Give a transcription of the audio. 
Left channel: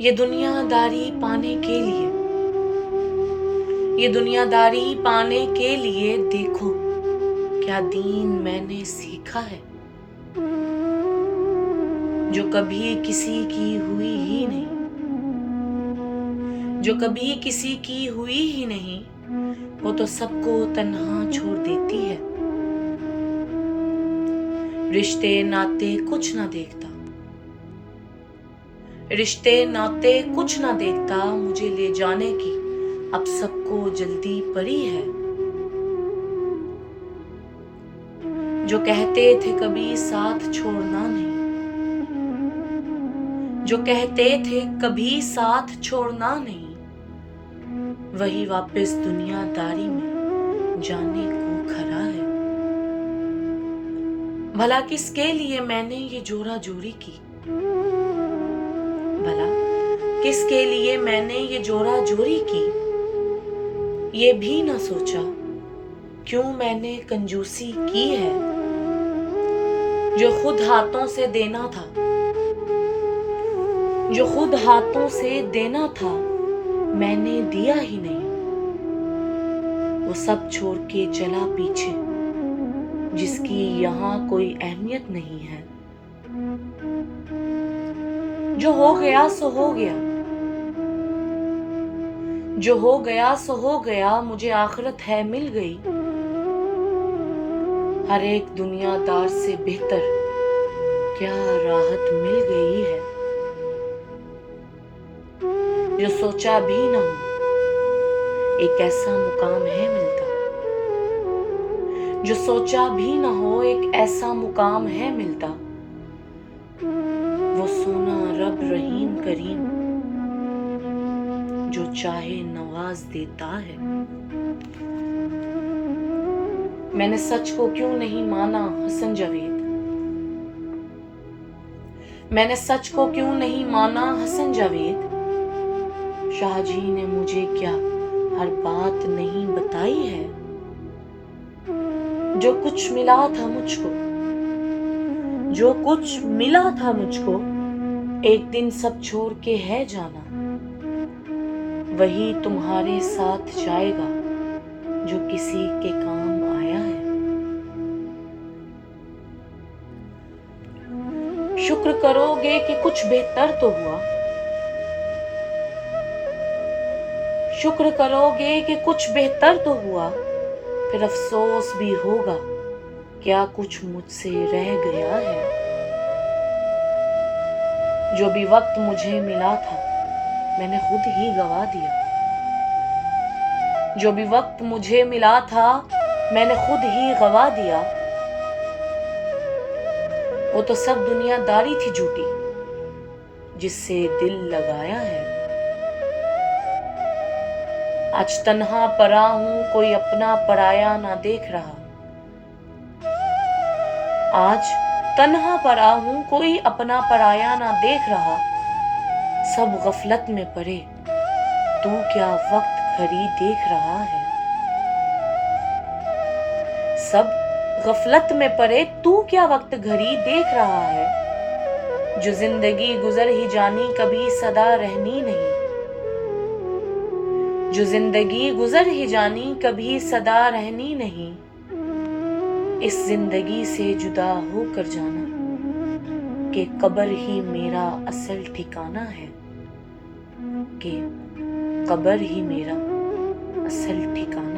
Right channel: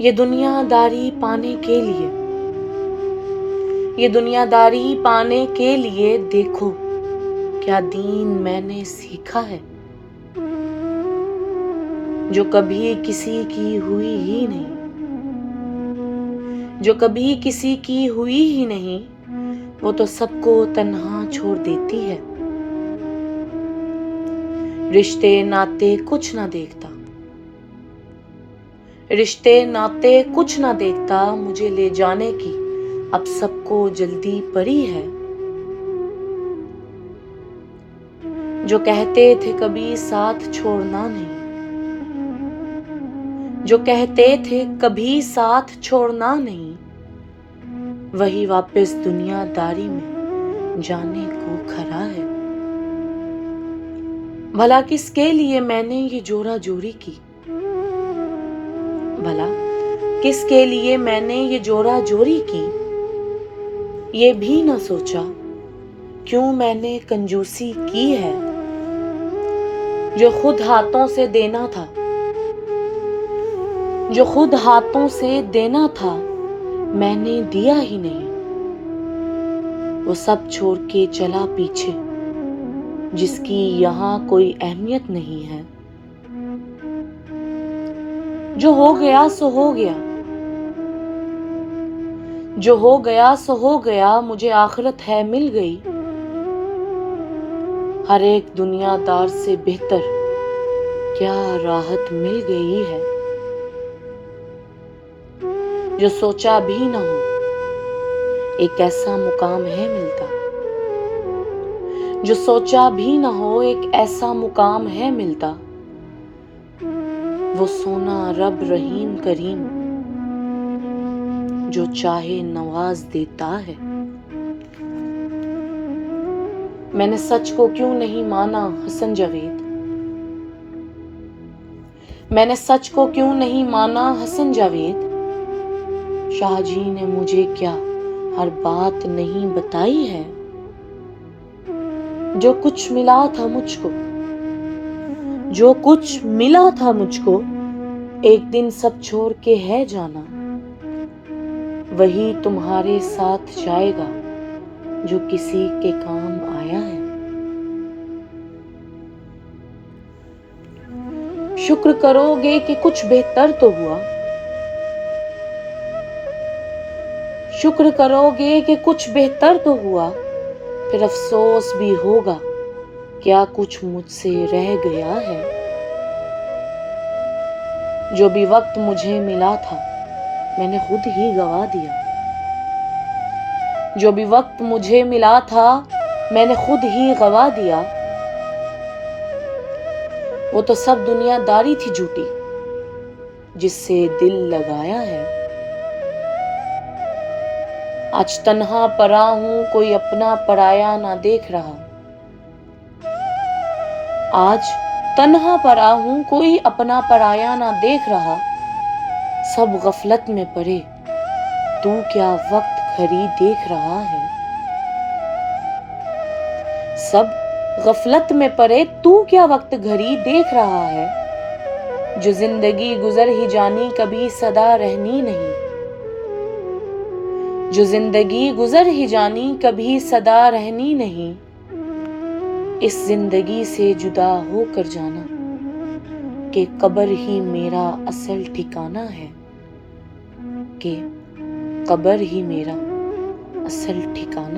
یہ دنیا داری پانے کے لیے، یہ دنیا داری پانے کے لیے دیکھو کیا دین میں نے سیکھا ہے، جو کبھی کسی کی ہوئی ہی نہیں، جو کبھی کسی کی ہوئی ہی نہیں، وہ تو سب کو تنہا چھوڑ دیتی ہے۔ رشتے ناتے کچھ نہ دیکھتا، رشتے ناتے کچھ نہ دیکھتا، مجھے لے جانے کی اب سب کو جلدی پڑی ہے۔ جو کہتے تھے کبھی ساتھ چھوڑنا نہیں، جو کہتے تھے کبھی ساتھ چھوڑنا نہیں، وہی واپس دنیا داری میں جانے کو کھڑا ہے۔ بھلا کس کے لیے میں نے یہ جورا جوری کی، بھلا کس کے لیے میں نے یہ جورا جوری کی، یہ بھی نہ سوچا کیوں میں نے کنجوسی کی ہے۔ جو خود ہاتھوں سے دینا تھا، جو خود ہاتھوں سے دینا تھا، میں نے دیا ہی نہیں، وہ سب چھوڑ کے چلا پیچھے جس کی یہاں کوئی اہمیت نہیں ہے۔ جو ہو گیا سو ہو گیا، جو ہو گیا سو ہو گیا، مجھے آخرت ہے مل گئی۔ ہر ایک دنیا دار سے بہتر کیا راحت مل گئی ہے۔ جو سوچا بھی نہ ہو ایک ایسا مقام ہے ملتا، جو سوچا بھی نہ ہو ایک ایسا مقام ہے ملتا، وہ سونا رب رحیم کریم جو چاہے نواز دیتا ہے۔ میں نے سچ کو کیوں نہیں مانا حسن جاوید، میں نے سچ کو کیوں نہیں مانا حسن جاوید، شاہ جی نے مجھے کیا ہر بات نہیں بتائی ہے۔ جو کچھ ملا تھا مجھ کو، جو کچھ ملا تھا مجھ کو، ایک دن سب چھوڑ کے ہے جانا، وہی تمہارے ساتھ جائے گا جو کسی کے کام آیا ہے۔ شکر کرو گے کہ کچھ بہتر تو ہوا، شکر کرو گے کہ کچھ بہتر تو ہوا، پھر افسوس بھی ہوگا کیا کچھ مجھ سے رہ گیا ہے۔ جو بھی وقت مجھے ملا تھا میں نے خود ہی گوا دیا، جو بھی وقت مجھے ملا تھا میں نے خود ہی گوا دیا، وہ تو سب دنیا داری تھی جھوٹی جس سے دل لگایا ہے۔ آج تنہا پڑا ہوں کوئی اپنا پرایا نہ دیکھ رہا، آج تنہا پڑا ہوں کوئی اپنا پرایا نہ دیکھ رہا، سب غفلت میں پڑے تو کیا وقت گھڑی دیکھ رہا ہے۔ سب غفلت میں پڑے تو کیا وقت گھڑی دیکھ رہا ہے۔ جو زندگی گزر ہی جانی کبھی صدا رہنی نہیں، جو زندگی گزر ہی جانی کبھی صدا رہنی نہیں، اس زندگی سے جدا ہو کر جانا کہ قبر ہی میرا اصل ٹھکانہ ہے، کہ قبر ہی میرا اصل ٹھکانہ